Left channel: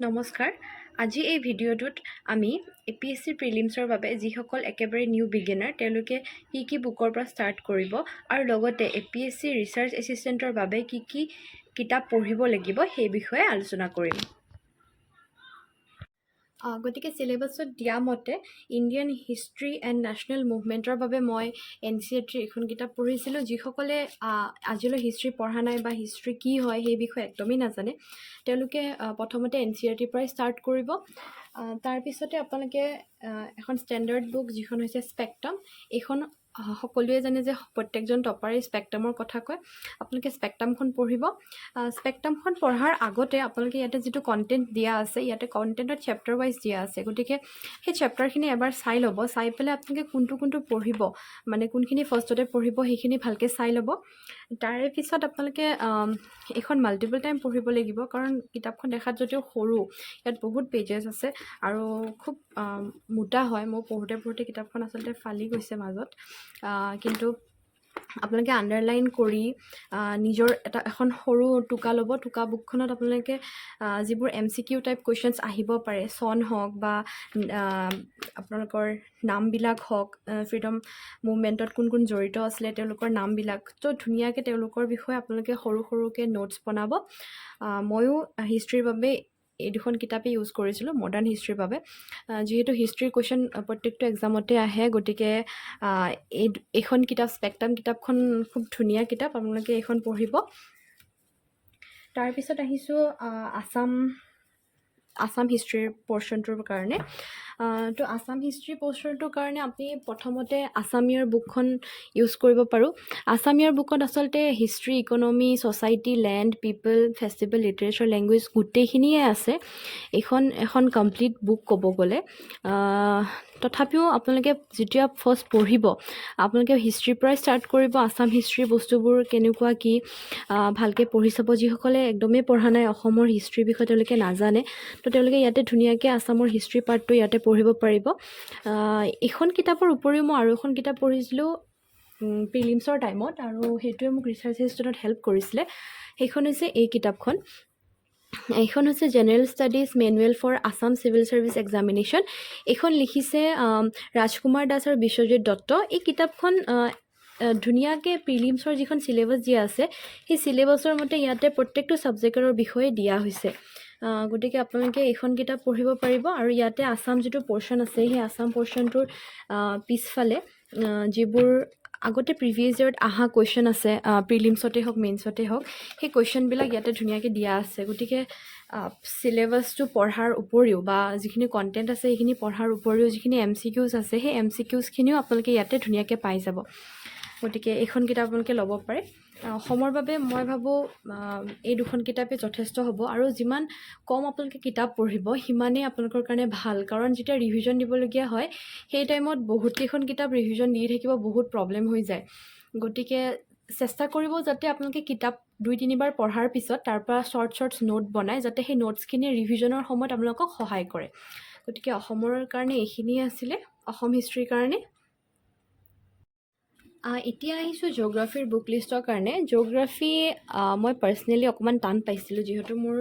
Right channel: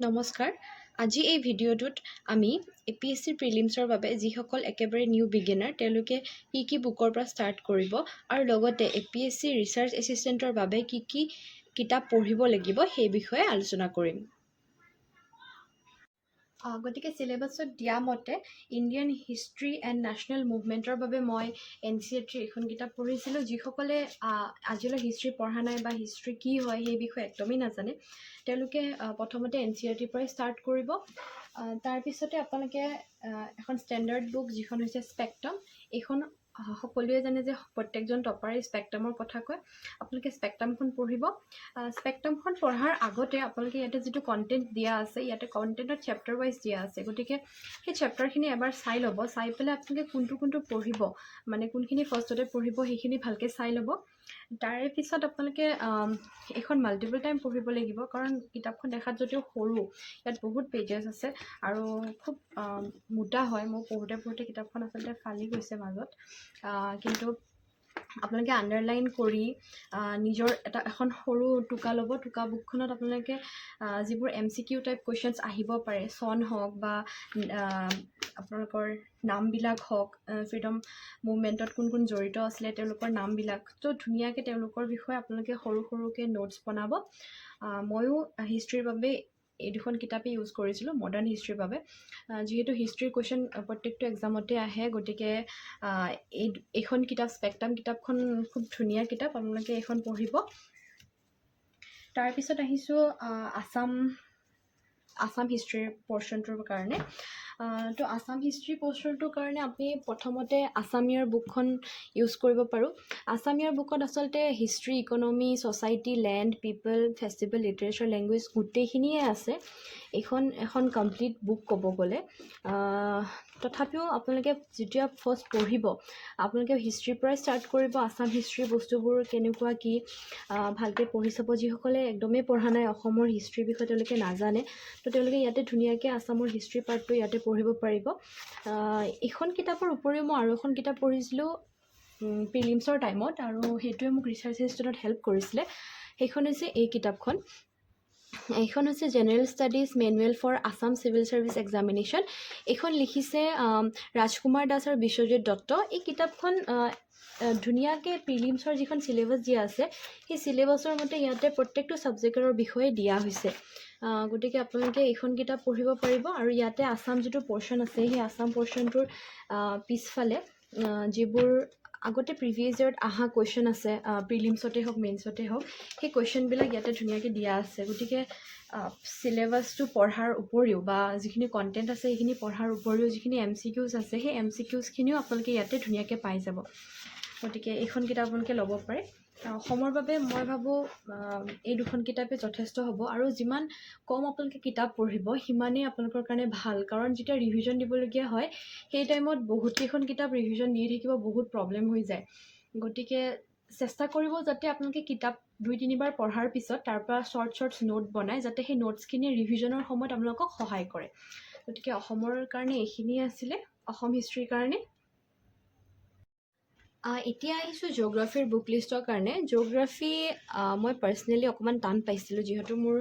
নমস্কাৰ আজি এই ভিডিঅ'টোত আমি APSC প্ৰিলিমছৰ বাবে যিসকল একেবাৰে নিউ বিগিনাৰ তেওঁলোকে কি বুকৰ পৰা ষ্টাৰ্ট কৰিব আৰু লগতে APSC ৰিচাৰ্চ এছিষ্টেণ্টৰ বাবে কি কিতাপ পঢ়িব লাগিব সেই বিষয়ে আলোচনা কৰিম। গতিকে চিলেবাছত দিয়া মতে ইণ্ডিয়ান হিষ্ট্ৰী এণ্ড নেশ্যনেল মুভমেণ্টৰ বাবে মই NCERTৰ এখন কিতাপ পঢ়িছিলোঁ। যিসকলে আজিলৈ হিষ্ট্ৰী পঢ়া নাই বা হিষ্ট্ৰী কি হয় সেই বিষয়ে একদমেই নাজানে তেওঁলোকে প্ৰথমতে NCERTৰ পৰাই ষ্টাৰ্ট কৰিব। তাৰপিছতে আপোনালোকে এখন ষ্টেণ্ডাৰ্ড বুক যিখন হৈছে স্পেক্ট্ৰাম, এইখন সকলোৱে জানে যে প্ৰত্যেকজন টপাৰে স্পেক্ট্ৰামৰ কথা কয়। আপোনালোকে স্পেক্ট্ৰামখন পঢ়িব। স্পেক্ট্ৰামখন পঢ়াৰ আগতে আপোনালোকে ইয়াতে যিটো কণ্টেণ্ট দিয়া আছে ইয়াতে কণ্টেণ্টত চেপ্টাৰ ৱাইজ দিয়া আছে, গতিকে সেই চেপ্টাৰখিনি এবাৰ চাই ল'ব। চাই পেলাই আপোনালোকে কোনটো পঢ়িব, মানে কোনখিনি ফাৰ্ষ্টতে পঢ়িব সেইখিনি ভালকৈ চাই ল'ব। তাৰে পিছত আপোনালোকে এইখন মাল্টিপল টাইম পঢ়িব লাগিব, কাৰণ কিতাপখন দেখাত যদিও সৰু ইয়াত বহুত পেজেছ আছে আৰু খুব মোটা হয়। মই পঢ়োঁতে কিতাপখন আচলতে ফালি গৈছে মাজত, কিন্তু আপোনালোকে আণ্ডাৰলাইন কৰি নিজৰ এখন সৰু টোকা ল'ব। টোকা বুকখনত আপোনালোকে যিবোৰ MCQ টাইপ কুৱেশ্যনছ আহিব পাৰে, চন হওক বা আপোনালোকৰ নামবিলাক হওক, ফ্ৰীডম মুভমেণ্টত কোন কোন জড়িত আছিলে তেওঁলোকৰ নামবিলাক, তো ধুনীয়াকৈ তেওঁলোকৰ বিষয়ে আপোনালোকে সৰুকৈ নোটছ বনাব। ময়ো হিষ্ট্ৰীৰ বাবে এই দুখন কিতাপেই ইউজ কৰিছিলোঁ, মডাৰ্ণ হিষ্ট্ৰীৰ বাবে। যিহেতু হিষ্ট্ৰীৰ কুৱেশ্যন প্ৰত্যেকটো এক্সামতে আহে, গতিকে এইখন কিতাপ স্পেক্ট্ৰাম কিতাপখন খুব ধুনীয়া কিতাপ, আপোনালোকে এইখন পঢ়িব। তাৰপিছত আহিছোঁ আছাম হিষ্ট্ৰীৰ পৰ্শ্যনটোৰ কাৰণে। তো আছাম হিষ্ট্ৰী পৰ্শ্যনটোৰ কাৰণে আমি প্ৰথমতে আছামিয়াৰ বুকখন ইউজ কৰিব পাৰোঁ। আছামিয়াৰ বুকত আচলতে হিষ্ট্ৰী, ইকনমি, ছ'চাইটি, লেণ্ড, পিপল, ফেষ্টিভেল, লিটাৰেচাৰ, লেংগুৱেজ গোটেইখিনিয়ে আছে। এখন কমপ্লিট বুক ক'ব গ'লে। তথাপিও আপোনালোকে যেতিয়া ফাৰ্ষ্ট পঢ়িব আপোনালোকে হিষ্ট্ৰীৰ পৰাই ষ্টাৰ্ট কৰিব। আছাম হিষ্ট্ৰীৰ বস্তুবোৰ কেনেকুৱা কি ভালকৈ পঢ়ি চাব। যিসকলে একদমেই পঢ়া নাই, অসমৰ হিষ্ট্ৰীৰ বিষয়ে তেওঁলোকে নাজানে, তো তেওঁলোকে ইয়াতে ধুনীয়াকৈ আছামৰ হিষ্ট্ৰী পাৰ্টটো ইয়াতে পঢ়িব পাৰিব। এইখন কিতাপৰ উপৰিও মই আৰু এখন কিতাপ পঢ়িছিলোঁ প্ৰিলিমছৰ টাইমত, আৰু সেইটোৱে মোক ৰিচাৰ্চ এছিষ্টেণ্টত হেল্প কৰিছিলে। সেইখন হৈছে এই কিতাপখন। এইখন হৈছে general studies manual for Assam civil service examination. এইখন লিখিছে ৰাজকুমাৰ দাস আৰু বিশ্বজিৎ দত্ত। এই কিতাপখন ধুনীয়াকৈ প্ৰিলিমছৰ যিখন চিলেবাছ দিয়া আছে সেই চিলেবাছৰ মতে ইয়াতে প্ৰত্যেকটো ছাবজেক্টৰ বিষয়ে দিয়া হৈছে। গতিকে আপোনালোকে এইখন কিতাপ পঢ়িব পাৰিব। আৰু ইয়াতে আছাম যিটো পৰ্শ্যন আছে সেই আছাম পৰ্শ্যনটোৰ পিছফালে যিবোৰ আগতে প্ৰিভিয়াছ ইয়েৰত অহা কুৱেশ্যন আছে, প্ৰিলিমছতে হওক মেইনছতে হওক, সেই কুৱেশ্যনবিলাক ইয়াতে ধুনীয়াকৈ দিয়া আছে। গতিকে চিলেবাছটো পঢ়াৰ উপৰিও বা যিখিনি কণ্টেণ্ট আছে সেইখিনি পঢ়াৰ উপৰিও যিখিনি MCQs আছে সেই MCQsখিনিও আপোনালোকে ইয়াতে ধুনীয়াকৈ পাই যাব। গতিকে এইখন কিতাপ আপোনালোকে ল'ব পাৰে। অসমৰ বাবে মই ভাবোঁ এই দুখন কিতাপে যথেষ্ট হ'ব, আৰু যিমান কম আপোনালোকে কিতাপ পঢ়িব সিমানেই আপোনালোকৰ কাৰণে ভাল। কাৰণ যেতিয়া ৰিভিজন দিবলগীয়া হয় সেই টাইমত বহুতকেইখন কিতাপ ৰিভিজন দি থাকিব, বহুত প্ৰব্লেম হৈ যায়। গতিকে চেষ্টা কৰিব যাতে আপোনালোকে কিতাপ 2-3 বাৰ পঢ়াৰ পিছত তাৰ পৰা শ্বৰ্টছ নোট বনাই যাতে সেই নোটছখিনি ৰিভিজনৰ সময়ত আপোনালোকক সহায় কৰে। গতিকে অসমৰ কাৰণে এইখিনিয়ে আছিলে, অসম হিষ্ট্ৰীৰ কাৰণে। এতিয়া আহিছোঁ জিঅ'গ্ৰাফীৰ বুক লিষ্টৰ কাৰণে। জিঅ'গ্ৰাফী মই পাৰ্চনেলি অকণমান টান পাইছিলোঁ, যিহেতু মোৰ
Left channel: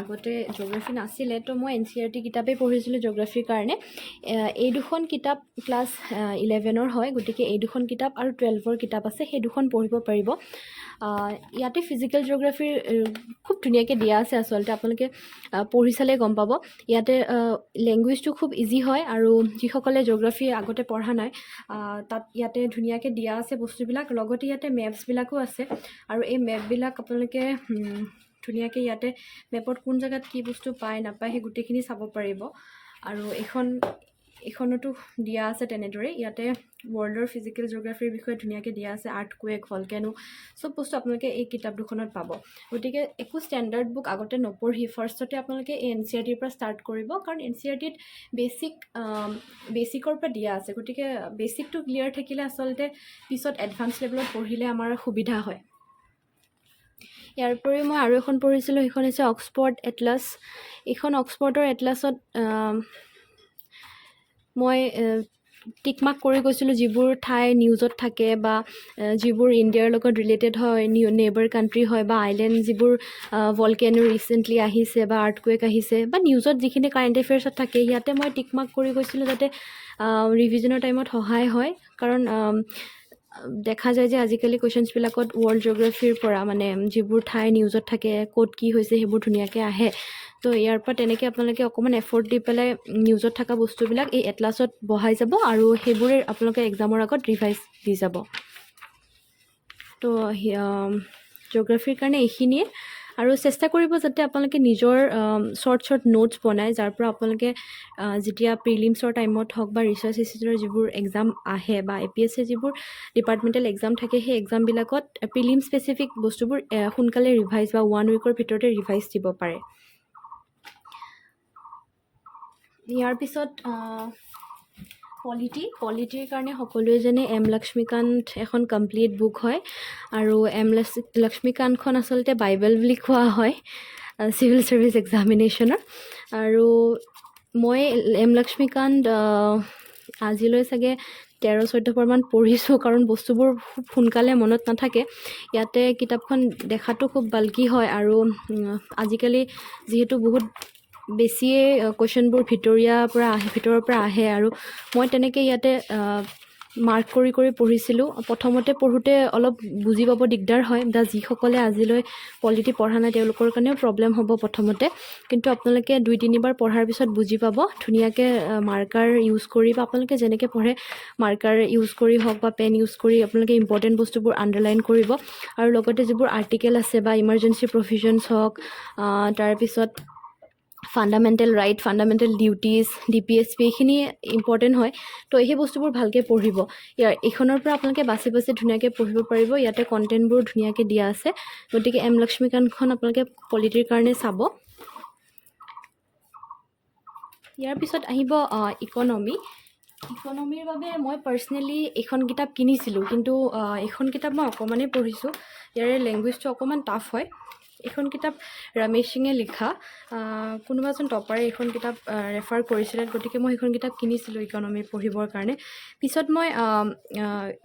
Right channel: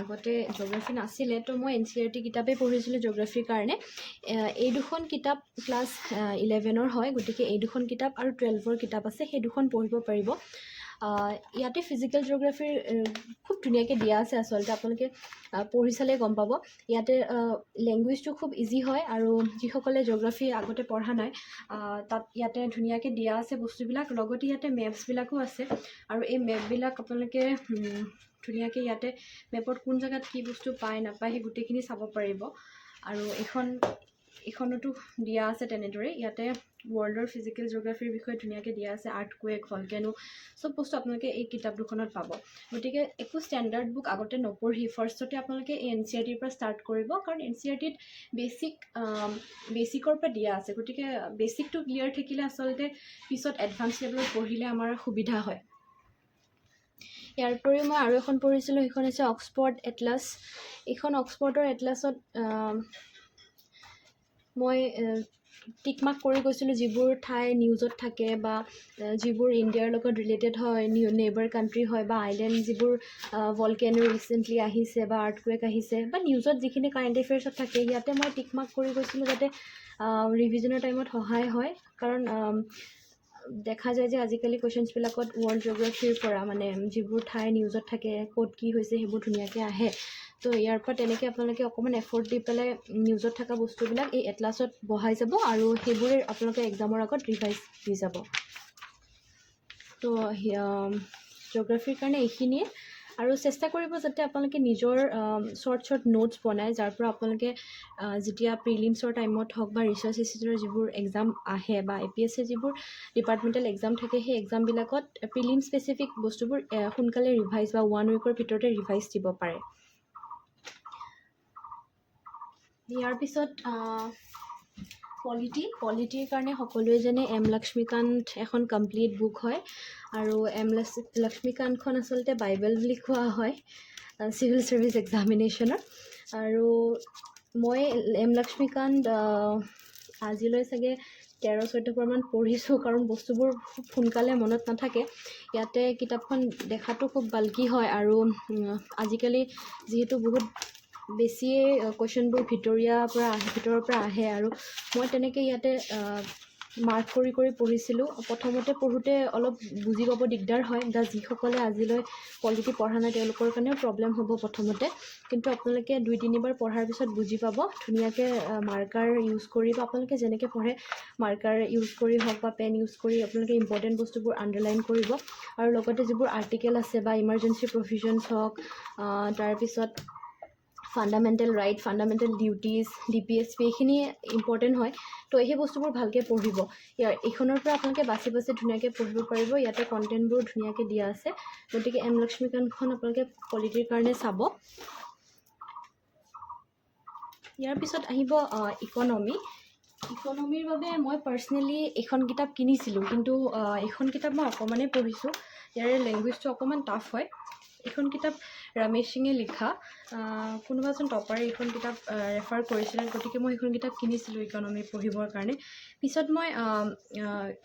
আগতে জিঅ'গ্ৰাফী নাছিলে, তো মই NCERT কিতাপেই পঢ়িছিলোঁ জিঅ'গ্ৰাফীৰ কাৰণে। এই দুখন কিতাপ ক্লাছ 11ৰ হয়, গতিকে এই দুখন কিতাপ আৰু 12ৰ কিতাপ আছে, সেই দুখন পঢ়িব পাৰিব। ইয়াতে ফিজিকেল জিঅ'গ্ৰাফীৰ খুব ধুনীয়াকৈ দিয়া আছে। আচলতে আপোনালোকে পঢ়ি চালে গম পাব। ইয়াতে লেংগুৱেজটো খুব ইজি হয়, আৰু যিসকলে জিঅ'গ্ৰাফী আগতে পঢ়া নাই তাত ইয়াতে ধুনীয়াকৈ দিয়া আছে বস্তুবিলাক। লগতে ইয়াতে মেপছবিলাকো আছে, আৰু এই মেপবিলাক আপোনালোকে ধুনীয়াকৈ ইয়াতে মেপত কোন জেগাত কি বস্তু পায় নাপায় সেই গোটেইখিনি চাব পাৰিব। আৰু এইখনতো দিয়া আছে তেনেদৰে। ইয়াতে ৱৰ্ল্ডৰ ফিজিকেল জিঅ'গ্ৰাফীৰ বিষয়ে ধুনীয়াকৈ দিয়া আছে, আৰ্থকুৱেক, ভলকেনো, চব বস্তু আপোনালোকে এই কিতাপ দুখনত পাব। গতিকে একো ষ্টেণ্ডাৰ্ড বুক আগতে নপঢ়ি ফাৰ্ষ্টতে আপোনালোকে এই NCERTৰ পৰা ষ্টাৰ্ট কৰিব, কাৰণ NCERTত বেছিকৰ পৰা দিয়া আছে। গতিকে বেছিকটো ক্লিয়াৰ থাকিলে আচলতে পিছত এডভান্স লেভেলত পঢ়িলে আমাৰ সুবিধা হয়। ইয়াৰ উপৰিও মই আৰু এখন পঢ়িছিলোঁ, সেইখন হৈছে অক্সফৰ্ড এটলাছ। এইখন অক্সফৰ্ডৰ এটলাছত মই টিক মাৰ্ক কৰি গৈছিলোঁ যিবোৰ ঠাই নিউজত থাকে বা যিবোৰ ইণ্ডিয়াৰ লগত ৰিলেটেড হয়, নেইবাৰ কাণ্ট্ৰি হয় বা আইলেণ্ড যিবোৰ ভলকেনো ৰিচেণ্টলি আহিছে বা আৰ্থকুৱেক আহিছে বা নিউজত যিখিনি কাৰেণ্ট এফেয়াৰ্ছত থাকে ইয়াতে মই টিক মাৰ্ক কৰি গৈছিলোঁ যাতে ৰিভিজনৰ টাইমত সহায় হয়। কাৰণ দেখা যায় যে আজিকালি কুৱেশ্যনছবিলাকত ৱৰ্ল্ড জিঅ'গ্ৰাফিৰ পৰা মানে যিবোৰ ঠাই নিউজত থাকে ক'ত কি হৈছে সেইবোৰ ধুনীয়াকৈ আহে। তো ইয়াৰ পৰা তেনেকৈ আপোনালোকে অকণমান এফৰ্ট দি পেলাই নিউজত থকা বস্তুবিলাক এই এটলাছত বহাই যাব আৰু সেইবোৰে আপোনালোকে এক্সামৰ আগত ৰিভাইজ দি যাব। তো জিঅ'গ্ৰাফিৰ কাৰণে এইখিনিয়ে, আৰু চেষ্টা কৰিব যাতে আপোনালোকে নিজৰ শ্বৰ্ট নোটছ বনায় যাৰ পৰা আপোনালোকে যেতিয়া প্ৰিলিমছৰ টাইমত হওক বা ৰিচাৰ্চ এচিষ্টেণ্টৰ যিবোৰ এক্সাম আহে বা APSC যিবোৰ ডিপাৰ্টমেণ্টেল এক্সাম থাকে সেই এক্সামবিলাকত প্ৰিলিম স্পেচিফিক বস্তুবোৰ সোনকালে ৰিভাইজ বা 1 উইকৰ ভিতৰতে ৰিভাইজ দিব পাৰে। ইয়াৰ পিছত পলিটিৰ কাৰণে সকলোৱে জানে এম লক্ষ্মীকান্ত এখন কমপ্লিট বুক হয়, আৰু এম লক্ষ্মীকান্তখন আচলতে বাইবেল বুলি কোৱা হয় চিভিল ছাৰ্ভিচ এক্সামিনেশ্যনৰ। আৰু মই এম লক্ষ্মীকান্ত আজিলৈ চাগে 13-14 বাৰমান পঢ়িছোঁ, কাৰণ বস্তুবোৰ খুব সোনকালে মনত নাথাকে। ইয়াতে কিতাপখন দেখাটো খুব বাল্কি হয়, আৰু আজিকালি যিহেতু বহুত বেছিয়ে কুৱেশ্যনবোৰ ভিতৰৰ পৰা আহে, আৰু মই তেনেকৈ ইয়াতে মাৰ্ক কৰি পঢ়িছিলোঁ। প্ৰথমতে পঢ়োঁতে অলপ বুজি পাব দিগদাৰ হয়, যিসকলে আজিলৈ পলিটি পঢ়া নাই তেওঁলোকৰ কাৰণেও প্ৰব্লেম হ'ব প্ৰথমতে, কিন্তু আপোনালোকে 2-3 বাৰ পঢ়াৰ পিছত বুজি পাব ধুনীয়াকৈ। মাৰ্কাৰ ইউজ কৰি বা আপোনালোকে যেনেকৈ পঢ়ে মাৰ্কাৰ ইউজ কৰি হওক বা পেন ইউজ কৰি আপোনালোকে ইম্পৰ্টেণ্ট বস্তুবোৰ আণ্ডাৰলাইন কৰিব, আৰু লগতে যিবোৰ আৰ্টিকেল আছে বা ইমাৰ্জেঞ্চি প্ৰভিজনছ হওক, তাৰপিছত fundamental right, fundamental duties, DPSP এইখিনি ইম্পৰ্টেণ্ট হয়। তো সেই বস্তুবোৰ ভালকৈ পঢ়িব। এইখনৰ পৰা আপোনালোকে বাছি ধুনীয়াকৈ পঢ়িব পাৰিব। ইয়াতে কণ্টেণ্টবোৰ ধুনীয়াকৈ দিয়া আছে, গতিকে এম লক্ষ্মীকান্তখন আপোনালোকে পলিটিৰ কাৰণে চাব। ইয়াৰ পিছত আহিব ইকনমিৰ বাবে মই পাৰ্চনেলি এইখন কিতাপ কিনিছিলোঁ, কিন্তু এইখন কিতাপ মই অকণমানেই পঢ়িছোঁ। ইয়াৰে লেংগুৱেজটো অকণমান টাফ হয়। এইখন কিতাপ ৰমেশ সিঙে লিখা, কোনোবা এজন টপাৰে এইখন কিতাপ ৰেফাৰ কৰিছিলে, গতিকে মই এইখন কিতাপ কিনিছিলোঁ ইকনমি পঢ়িবৰ কাৰণে। পিছত মই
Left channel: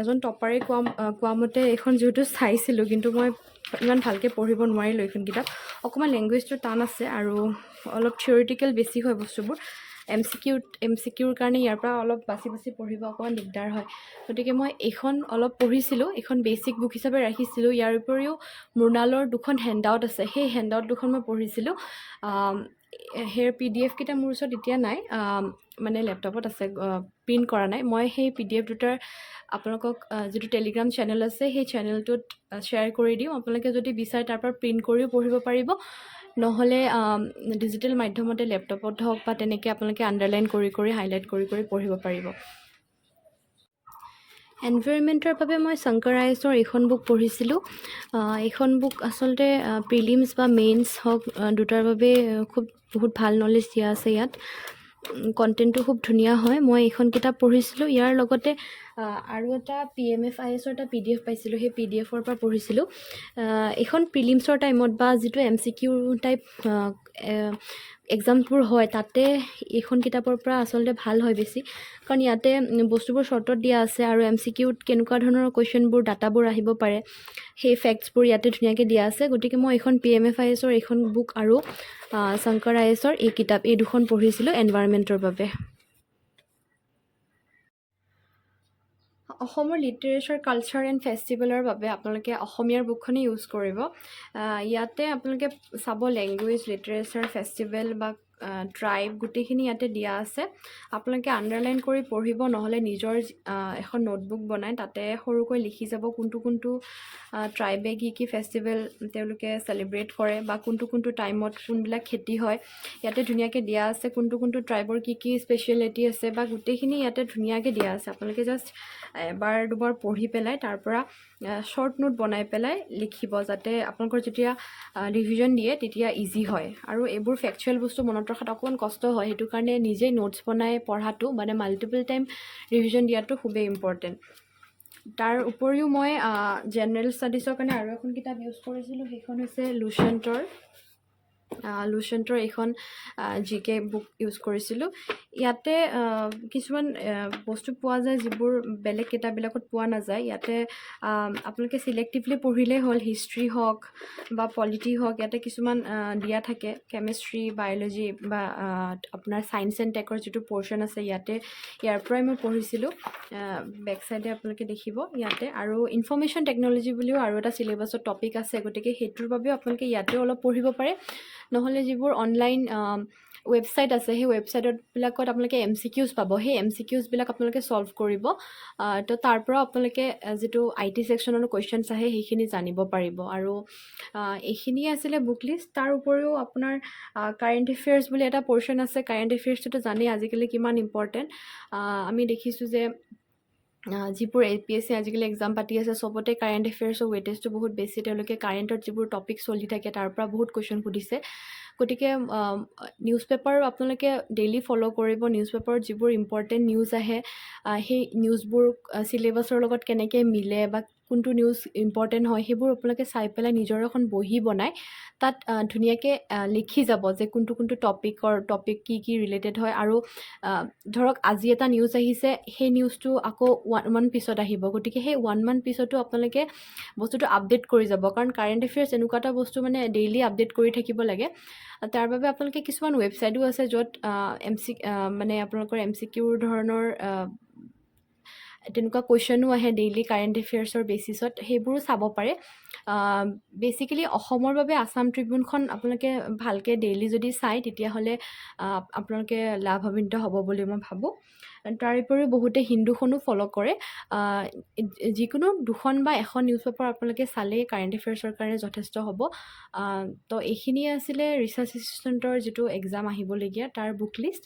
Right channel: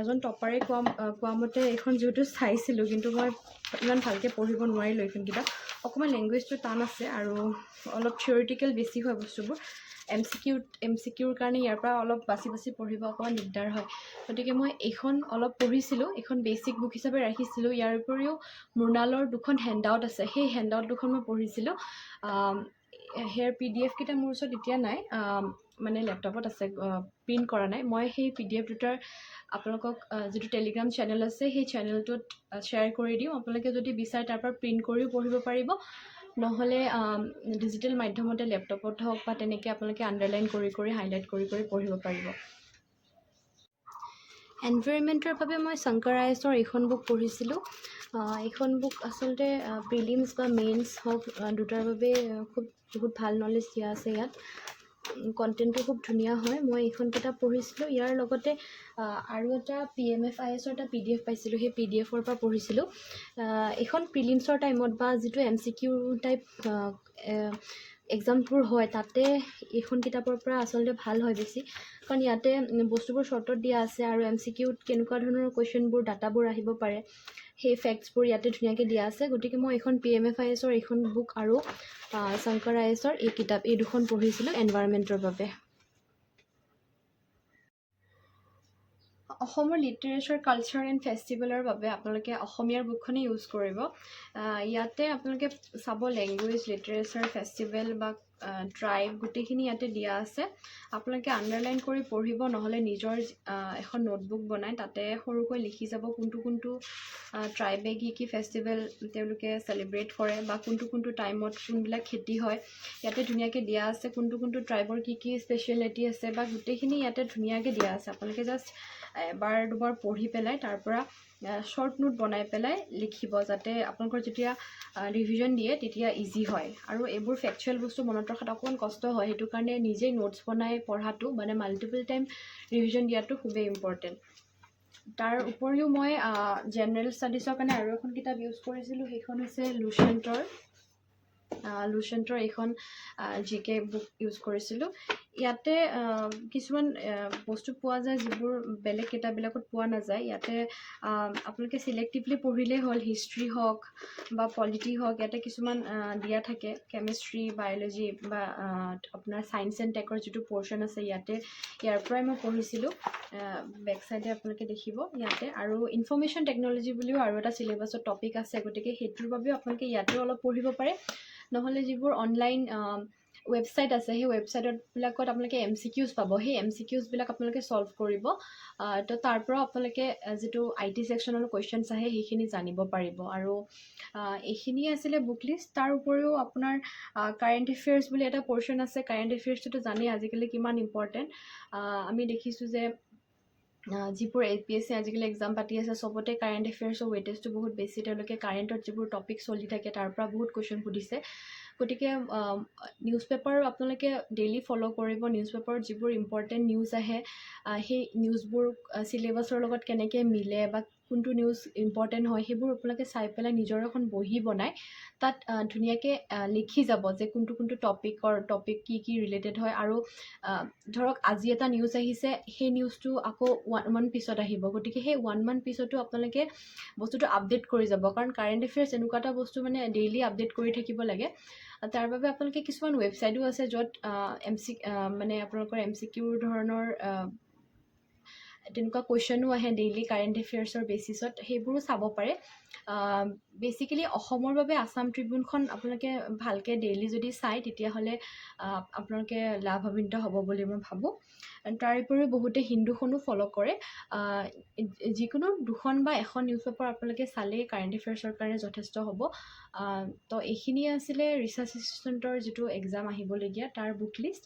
এজন টপাৰে কোৱা মতে এইখন যিহেতু চাইছিলোঁ, কিন্তু মই ইমান ভালকৈ পঢ়িব নোৱাৰিলোঁ এইখন কিতাপ। অকণমান লেংগুৱেজটো টান আছে আৰু অলপ থিয়ৰিটিকেল বেছি হয় বস্তুবোৰ। MCQৰ কাৰণে ইয়াৰ পৰা অলপ বাছি পঢ়িব অকণমান দিগদাৰ হয়, গতিকে মই এইখন অলপ পঢ়িছিলোঁ। এইখন বেচিক বুক হিচাপে ৰাখিছিলোঁ। ইয়াৰ উপৰিও মৃণালৰ 2খন হেণ্ডআউট আছে, সেই হেণ্ডআউট 2খন মই পঢ়িছিলোঁ। সেই PDF কেইটা মোৰ ওচৰত এতিয়া নাই, মানে লেপটপত আছে, প্ৰিণ্ট কৰা নাই। মই সেই PDF দুটাৰ আপোনালোকক যিটো টেলিগ্ৰাম চেনেল আছে সেই চেনেলটোত শ্বেয়াৰ কৰি দিওঁ। আপোনালোকে যদি বিচাৰে তাৰ পৰা প্ৰিণ্ট কৰিও পঢ়িব পাৰিব, নহ'লে ডিজিটেল মাধ্যমতে লেপটপত হওক বা তেনেকৈ আপোনালোকে আণ্ডাৰলাইন কৰি হাইলাইট কৰি পঢ়িব পাৰিব। এনভাইৰনমেণ্টৰ বাবে মই শংকৰ IASৰ এইখন বুক পঢ়িছিলোঁ। এইখন বুক আচলতে প্ৰিলিমছ বা মেইনছ হওক দুটাৰ বাবে বহুত ভাল নলেজ দিয়া আছে ইয়াত। কণ্টেণ্টটো খুব ধুনীয়া হয়। মই এইখন কিতাপ পঢ়িছিলোঁ। ইয়াৰ লগতে আৰু এটা PMF IASৰ এটা PDF পাইছিলোঁ, সেই PDFৰ পৰা পঢ়িছিলোঁ। এইখন প্ৰিলিমছৰ টাইমত বা যিটো MCQ টাইপ এক্সামবোৰ হয় তাতে এইখন কিতাপৰ পৰা আচলতে ভাল হয় বেছি, কাৰণ ইয়াতে বস্তুবোৰ শ্বৰ্টত দিয়া আছে, আৰু MCQত কেনেকুৱা ধৰণৰ কুৱেশ্যনবোৰ ডাটাবোৰ আহিব পাৰে সেই ফেক্টছবোৰ ইয়াতে ধুনীয়াকৈ দিয়া আছে। গতিকে মই এইখন PMF IASৰ এইখন বুক আৰু শংকৰ IASৰ এই 2খন পঢ়িছিলোঁ এনভাইৰনমেণ্টৰ বাবে। অসমৰ লিটাৰেচাৰ, কালচাৰ এণ্ড ফেষ্টিভেলৰ বাবে আপোনালোকে অসমীয়াৰ বুকখনেই ইউজ কৰিব। ইয়াতে আপোনালোকে চাব লেংগুৱেজ, লিটাৰেচাৰ, ফেষ্টিভেল বা ট্ৰাইব গোটেইখিনি ইয়াতে দিয়া আছে। আপোনালোকে আণ্ডাৰলাইন কৰি পঢ়িব, নহ'লে নিজৰ এখন নোটবুক বনাই তাতে সৰুকৈ লিখি যাব কোনটো ট্ৰাইবে কি ফেষ্টিভেল তেওঁলোকে চেলিব্ৰেট কৰে বা কোনটো টাইমত কোনবিলাক খেতি হয়। ইয়াতে ধুনীয়াকৈ দিয়া আছে কোনটো ট্ৰাইবৰ কি স্পেচিয়েলিটি আছে বা গোটেইখিনি ইয়াতে ধুনীয়াকৈ দিয়া আছে। আপোনালোকে জাষ্ট এবাৰ দুবাৰ পঢ়ি পেলাই তাৰ পৰা শ্বৰ্ট নোট বনাই পেলাই লিখিব, যাতে আপোনালোকৰ যেতিয়া ৰিভিজন দিয়ে তেতিয়া ইজি হয়। আৰু এইবোৰ ফেকচুৱেল বস্তু মনত ৰখাত অকণমান কষ্ট হয়, সেইটো কাৰণে নিজেই নোটছ বনাই পঢ়াটো মানে মাল্টিপল টাইম ৰিভিজন দিয়াটো খুবেই ইম্পৰ্টেণ্ট। তাৰ উপৰিও মই জেনেৰেল ষ্টাডিজৰ কাৰণে আৰু এখন কিতাপ ইউজ কৰিছিলোঁ, সেইখন হৈছে লুচেণ্টৰ লুচেণ্টৰ এইখন জিকে বুক ইউজ কৰিছিলোঁ ইয়াতে কিছুমান বস্তু পোৱা যায় যিবোৰ বেলেগ কিতাপবিলাকত পোৱা নাযায় ইয়াতে আপোনালোকে চিলেক্টিভলি পঢ়িলেই হ'ল হিষ্ট্ৰী হওক বা পলিটি হওক ইয়াতে কিছুমান দিয়া থাকে কেমেষ্ট্ৰি বায়'লজি বা আপোনাৰ ছায়েন্স এণ্ড টেকৰ যিটো পৰ্শ্যন আছে ইয়াতে ইয়াৰ পৰাই মই পঢ়িছিলোঁ বেক চাইডে আপোনালোকে দেখিব ইয়াতে আৰু ইনফৰ্মেশ্যন টেকন'লজি বুলিও আৰু এটা চিলেবাছত টপিক আছে গতিকে সেইটোৰ বাবেও আপোনালোকে ইয়াতেও অলপ পঢ়িব পাৰে নহ'লে যিবোৰ অনলাইন ৱেবছাইট আছে সেই ৱেবছাইটবিলাকত আপোনালোকে MCQs পাব সেই MCQsবিলাক আপোনালোকে ছল্ভ কৰিব তো তাৰ পৰা আপোনালোকে যিটো IT ছেকশ্যনৰ কুৱেশ্যনছ আহে সেইখিনি জানিব পাৰিব আৰু এইখিনিয়ে আছিলে বুক লিষ্ট তাৰ উপৰিও আপোনাৰ কাৰেণ্ট এফেয়াৰ্ছ বুলি এটা পৰ্শ্যন আছে কাৰেণ্ট এফেয়াৰ্ছটোতো জানেই আজিকালি কিমান ইম্পৰ্টেণ্ট আমি দেখিছোঁ যে যিবোৰ APSC আজিকালি এক্সাম পাতি আছে চবতে কাৰেণ্ট এফেয়াৰ্ছৰ ৱেটেজটো বহুত বেছি তেওঁলোকে কাৰেণ্টত যিবোৰ টপিক চলি থাকে তাৰ পৰা বহুত কুৱেশ্যন সুধিছে গতিকে নিউজ পেপাৰ আপোনালোকে ডেইলি ফ'ল' কৰিব নিউজ পেপাৰত যিবোৰ ইম্পৰ্টেণ্ট নিউজ আহে সেই নিউজবোৰ চিলেবাছৰ লগত কেনেকৈ মিলে বা কোনটো নিউজ ইম্পৰ্টেণ্ট হয় সেইবোৰ আপোনালোকে চাই পেলাই নিজৰ এখন বহি বনাই তাত ধুনীয়াকৈ লিখি যাব যে কোনটো টপিক কি ৰিলেটেড হয় আৰু ধৰক আজি এটা নিউজ আহিছে সেই নিউজটো আকৌ 1 month পিছত আহিব গতিকে সেই 1 month পিছতো আপোনালোকে বস্তুটো আপডেট কৰি যাব কাৰণ কাৰেণ্ট এফেয়াৰ্ছ এনেকুৱা এটা বস্তু মানে ডেইলি আপডেট কৰি থাকিব লাগে তাৰ বাবে আপোনালোকে কিছুমান ৱেবছাইটো আছে য'ত মানে আপোনালোকৰ MCQৰ ধৰণৰ তেনেকুৱা কুৱেশ্যনো আহে ডেইলি কাৰেণ্ট এফেয়াৰ্ছৰ বেচিছত সেইবোৰো চাব পাৰে বেচিকেলি অসমৰ বাবে আছাম ট্ৰিবিউনখন আপোনালোকে ভালকৈ ডেইলি যদি চায় তেতিয়াহ'লে আপোনালোকে লাভান্বিত হ'ব বুলি মই ভাবোঁ তাৰ উপৰিও বহুতে হিন্দুখনো ফ'ল' কৰে যিকোনো 2খন বা 1খন নিউজ পেপাৰ আপোনালোকে চালেই কাৰেণ্ট এফেয়াৰ্ছৰ কাৰণে যথেষ্ট হ'ব তো এইখিনিয়ে আছিলে ৰিচাৰ্চ এছিষ্টেণ্টৰ যিটো এক্সাম আহিবলগীয়া তাৰ বুক লিষ্ট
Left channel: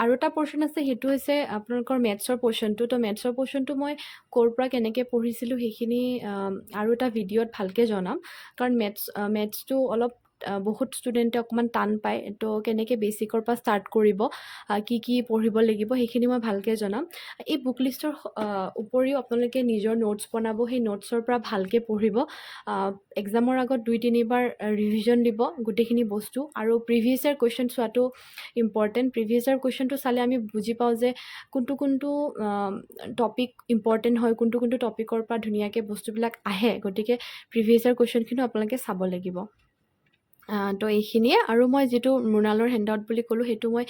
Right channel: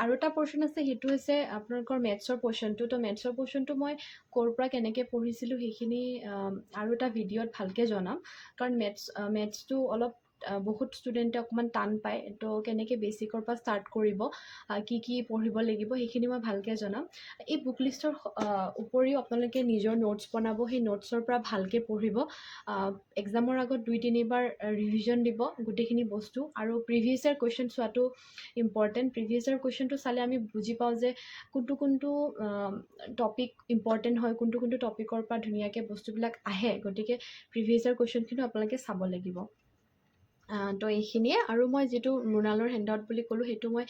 আৰু এটা পৰ্শ্যন আছে সেইটো হৈছে আপোনালোকৰ মেথছৰ পৰ্শ্যনটো তো মেথছৰ পৰ্শ্যনটো মই ক'ৰ পৰা কেনেকৈ পঢ়িছিলোঁ সেইখিনি আৰু এটা ভিডিঅ'ত ভালকৈ জনাম কাৰণ মেথছটো অলপ বহুত ষ্টুডেণ্টে অকণমান টান পায় তো কেনেকৈ বেচিকৰ পৰা ষ্টাৰ্ট কৰিব কি পঢ়িব লাগিব সেইখিনি মই ভালকৈ জনাম এই বুক লিষ্টৰ উপৰিও আপোনালোকে নিজৰ নোটছ বনাব সেই নোটছৰ পৰা ভালকৈ পঢ়িব এক্সামৰ আগত 2-3 বাৰ ৰিভিজন দিব গোটেইখিনি বস্তু আৰু প্ৰিভিয়াছ ইয়াৰ কুৱেশ্যন চোৱাটো ইম্পৰ্টেণ্ট প্ৰিভিয়াছ ইয়াৰ কুৱেশ্যনটো চালে আমি বুজি পাওঁ যে কোনটো টপিক ইম্পৰ্টেণ্ট হয় কোনটো টপিকৰ পৰা ধুনীয়াকৈ বস্তুবিলাক আহে গতিকে প্ৰিভিয়াছ ইয়াৰ কুৱেশ্যনখিনিও আপোনালোকে চাব লাগিব তো এইখিনিয়ে আৰু মই যিটো মৃণালৰ হেণ্ডআউট বুলি ক'লোঁ সেইটো মই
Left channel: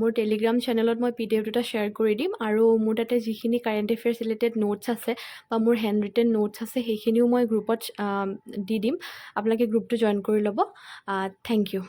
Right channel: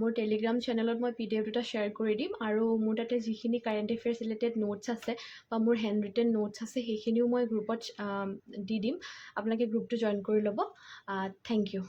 মোৰ টেলিগ্ৰাম চেনেলত মই PDF দুটা শ্বেয়াৰ কৰি দিম আৰু মোৰ তাতে যিখিনি কাৰেণ্ট এফেয়াৰ্ছ ৰিলেটেড নোটছ আছে বা মোৰ হেণ্ড ৰিটেন নোটছ আছে সেইখিনিও মই গ্ৰুপত দি দিম আপোনালোকে গ্ৰুপটো জইন কৰি ল'ব থেংক ইউ